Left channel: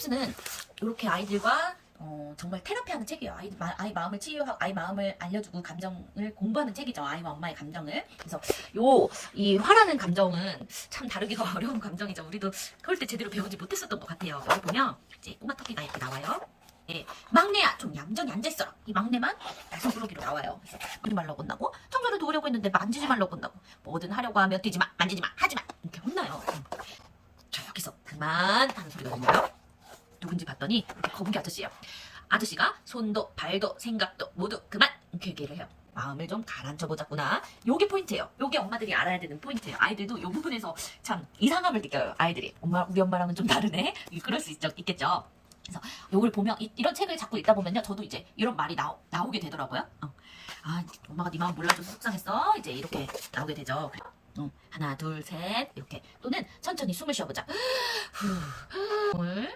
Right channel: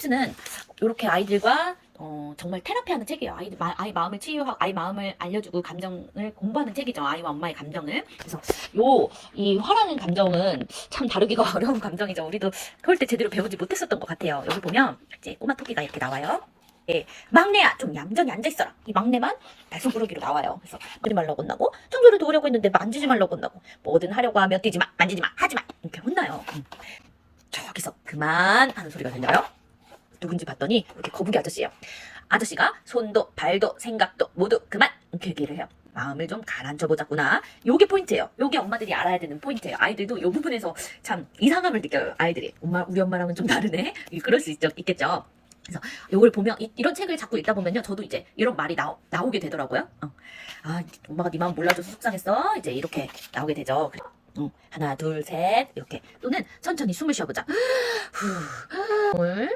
스텝스는 이렇게 아이들과 정말 테라피하는 책이에요. 아이 마음을 치유하고 아이 마음을 알려주고 감정을 공부하는 책이죠. 아이와 엄마의 감정을. 그래서 이 화라는 감정은 참 다루기가 어려운 감정이죠. 우리도 그럴 때 제대로 배우지 못했었던 것 같아요. 여기 보면 이제 꼬마 토끼가 이렇게 나와요. 예, 막내야 좀 얌전히 앉아있어라. 이 막내만 달성꾸러기로 나와요. 그래서 그리 말라고 혼나고 청소를 도우려고 했는데 만지지 말라고 혼나고 뭐든 하려고 하면 뛰지마 만지지마 하지마 이렇게 혼나요. 저기서 그만 하는 소리가 들려요. 누군지 봤더니 이렇게 거북이 아저씨예요. 아저씨가 손도 발도 생각도 모두 그만 이렇게 얘기를 해요. 마음을 좀 가라앉혀 보자꾸나. 요게 포인트예요. 요게 엄마들이 알아야 되는 포인트예요. 아이들도 요 부분에서 참 이상함을 느껴요. 아이들이 우리 엄마랑은 좀 다르네. 그럴 수 있겠죠. 그래서 요걸 보면 이런 책을 자꾸 읽다 보면요, 저도 이제 이런 말이 나오게 되더라고요. 아, 엄마가 네 마음 몰라줘서 속상했어. 이제 이렇게 나오게 되죠. 하나, 둘, 셋 이렇게. 또는 천천히 숨을 쉬어보자.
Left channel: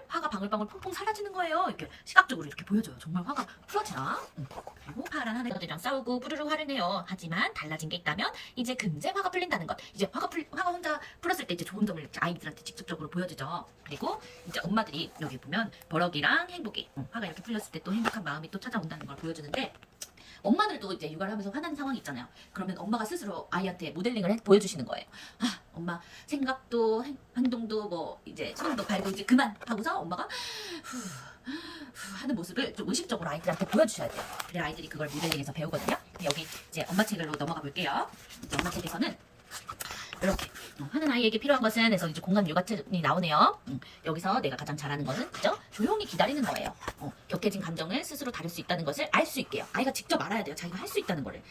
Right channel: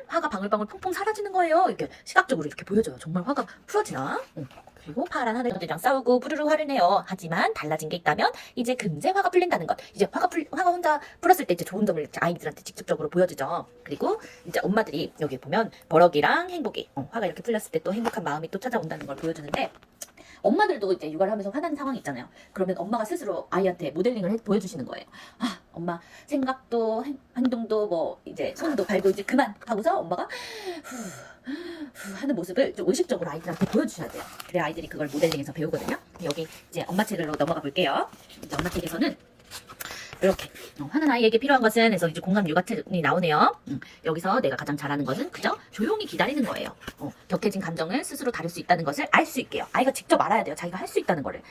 화가 방울방울 퐁퐁 사라지는 거예요. 이렇게 시각적으로 이렇게 보여줘요. 정말 화가 풀어지나? 그리고 파란 하늘들이랑 싸우고 부르르 화를 내요. 하지만 달라진 게 있다면 이제 금세 화가 풀린다는 것. 이제 화가 혼자 풀었을 때 이제 좋은 점을 아이들한테 직접적으로 보여주죠. 그리고 이제 엄마들이 여기 보면 버럭이랑 행복이 화가 이렇게 풀렸을 때 또 행복한 마음이 또 찾아온다는 걸 보여주는데, 엄마들도 이제 육아를 하면서 화나는 상황이 있잖아요. 그러면 엄마가 스스로 아이한테 모델링을 보여주시는 거예요. 아, 엄마 생각도 행동도 뭐 이제 손도 발도 이제 그만 하고서 엄마가 하는 모습을 좀 의식적으로 아이들한테 보여주셔야 돼요. 그래야 아이들이 그걸 모델링해서 배우거든요. 여기 이제 엄마 책으로 넘어가 볼게요. 이제 엄마 책에서는 이렇게 하는 아이에게 필요한 것은 해서 이제 공감 육아책이 나오네요. 여기서 내가 가장 잘하는 것은 그저 조용히 기다리는 거예요. 격해진 감정을 스스로 다룰 수 있다는 것을 알 수 있게요. 아이가 직접 알아야 돼요. 자기가 할 수 있다는 거를.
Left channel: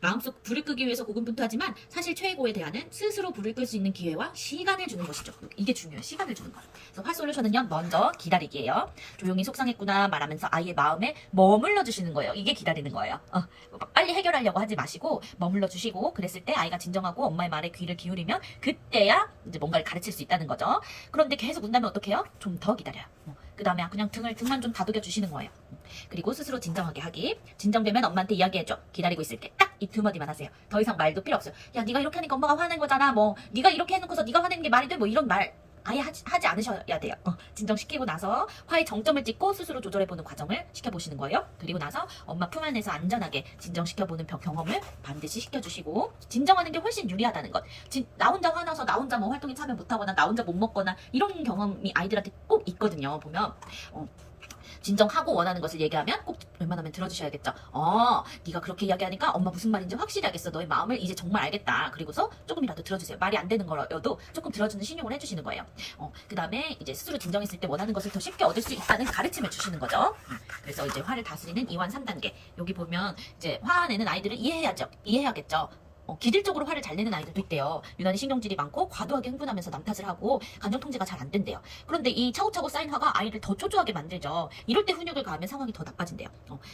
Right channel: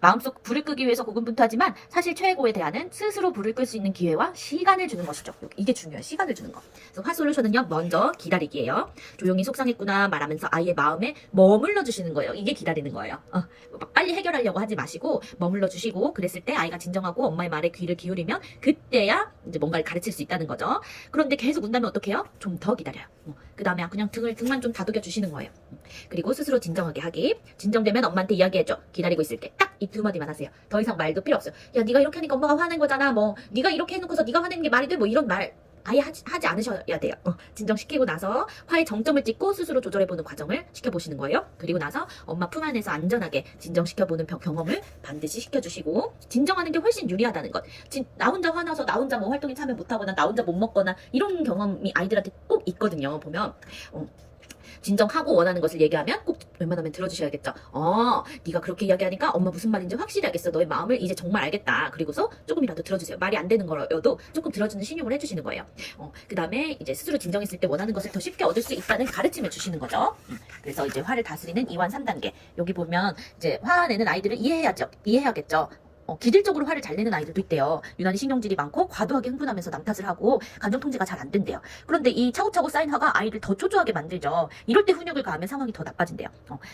마음속 불을 끄기 위해서 고군분투하지만 사실 최고의 대안은 스스로 불을 끌 수 있는 기회와 시간을 주는 것이죠. 이게 중요해요. 시간을 주는 거. 그래서 화 솔루션은요, 먼저 기다리기예요. 조용히 속상했구나 말하면서 아이의 마음에 머물러 주시는 거예요. 이게 기다리는 거예요. 빨리 해결하려고 하지 마시고 머물러 주시고, 그랬을 때 아이가 진정하고 엄마의 말에 귀를 기울이면 그때야 이제 뭔가를 가르칠 수 있다는 거죠. 그런데 계속 운다면 어떡해요? 좀 더 기다려요. 그 다음에 그냥 등만 좀 다독여 주시는 거예요. 그리고 스스로 진정하게 하기. 진정되면 엄마한테 이야기해줘. 기다리고 있을게. 딱 이 두 마디만 하세요. 더 이상 말도 필요 없어요. 야, 네가 이렇게 하니까 엄마가 화낸 거잖아. 뭐 네가 이렇게 해놓고서 네가 화내는 게 말이 돼? 뭐 이런 말 아예 하지 않으셔야 돼요. 진정시키고 나서 화의 정점을 찍고 스스로 조절해보는 과정을 시켜보시는 거예요. 그리고 나서 엄마 품 안에서 안전하게 진정시켜보는 경험을 반드시 시켜주시고, 진정하는 게 훨씬 유리하다는 것. 나 혼자 화나서 나 혼자 뭐 활동에 참여 못하거나 나 혼자 못 먹거나 이런 경험이 아이들한테 꼭 있거든요. 보면 진정하고 원하는 것을 얘기하면 꼭 웬만하면 들어주셔야겠죠. 네가 그렇게 이야기하니까 엄마 무슨 말인지 확실히 알겠어. 너의 마음을 이제 정말 알겠다. 그리고서 조금이라도 들어주세요. 말이 안 되는 거여도 조금 들어주는 신용을 해주시는 거예요. 그 다음에 이제 스스로 진정했을 때 원하는 것을 더 쉽게 얻을 수 있다는 가르침을 주시는 거죠. 그래서 이제 화를 다스리는 2완 3단계. 여기 보면 이제 화내는 아이들을 이해해야겠죠. 기질적으로 화를 잘 내는 아이들도 있대요. 유난히 신경질이 많고 과도하게 흥분하면서 남 탓을 하고 감정 통제가 잘 안 된대요. 그런데 이 차곡차곡 쌓인 화가 아이를 더 초조하게 만들죠. 이럴 때 훈육을 가하면 상황이 더 나빠진대요.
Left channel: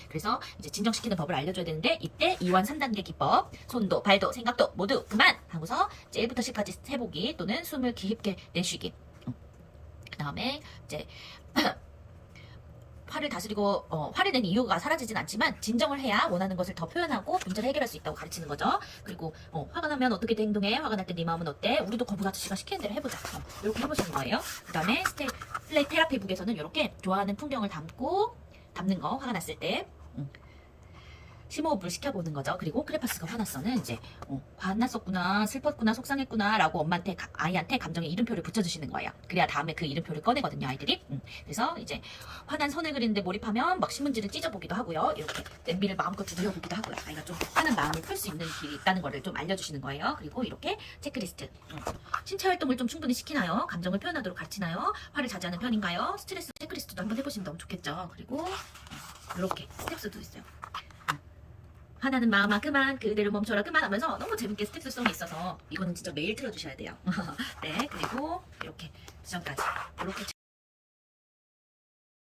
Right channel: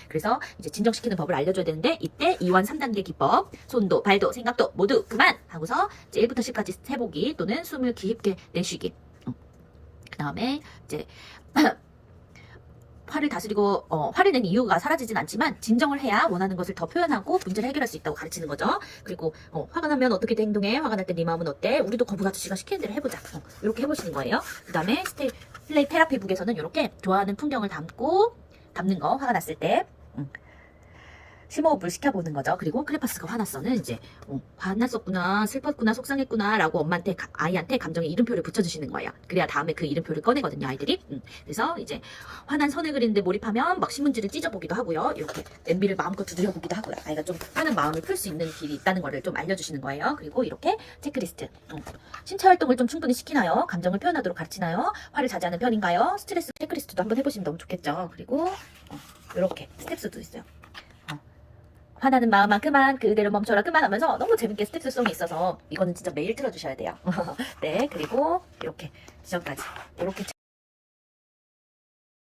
그래서 이제 진정시키는 법을 알려줘야 되는데, 이때 2완 3단계 기법, 손도 발도 생각도 모두 그만 하고서 이제 1부터 10까지 세보기 또는 숨을 깊게 내쉬기. 그 다음에 이제 화를 다스리고 화를 낸 이유가 사라지진 않지만 진정을 해야 원하는 것을 더 표현하고 문제를 해결할 수 있다고 가르치는 거죠. 그리고 화가 나면 어떻게 행동해? 화가 날 때 네 마음은 어때? 우리도 거북 아저씨가 시키는 대로 해보자. 이렇게 해보시는 거예요. 그 다음에 플레이 테라피 북에서는 이렇게 좋아하는 풍경을 담는 거, 화가 났을 때 심호흡을 시켜보는 거죠. 그리고 크레파스가 화났어는 이제 화났었구나, 슬펐구나, 속상했구나 라고 엄마한테 아이한테 감정의 이름표를 붙여주시는 거예요. 그래야 다음에 그 이름표를 꺼내거든요, 아이들이. 그래서 이제 화난 선을 그리는데 몰입하면 막 신문지를 찢어보기도 하고요. 이렇게 냄비를 마음껏 두드려보기도 하고요. 아이가 좀 화난 마음을 풀 수 있는 길이 있다는 거를 좀 알려주시는 거예요. 그리고 이렇게 체크리스트. 신체 활동을 좀 충분히 시키나요? 감정을 표현하도록 가르치나요? 화를 자제하는 편인가요? 스트레스 체크리스트도 한번 해보시면 너무 좋겠죠. 그리고 이렇게 스텝스도 있어요. 화나는 마음아 그만, 그대로 멈춰라 그만 하면서 너무 재밌게 스텝스송이 있어서 이거는 진짜 매일 틀어주셔야 돼요. 네, 그리고 이렇게 지점까지 이렇게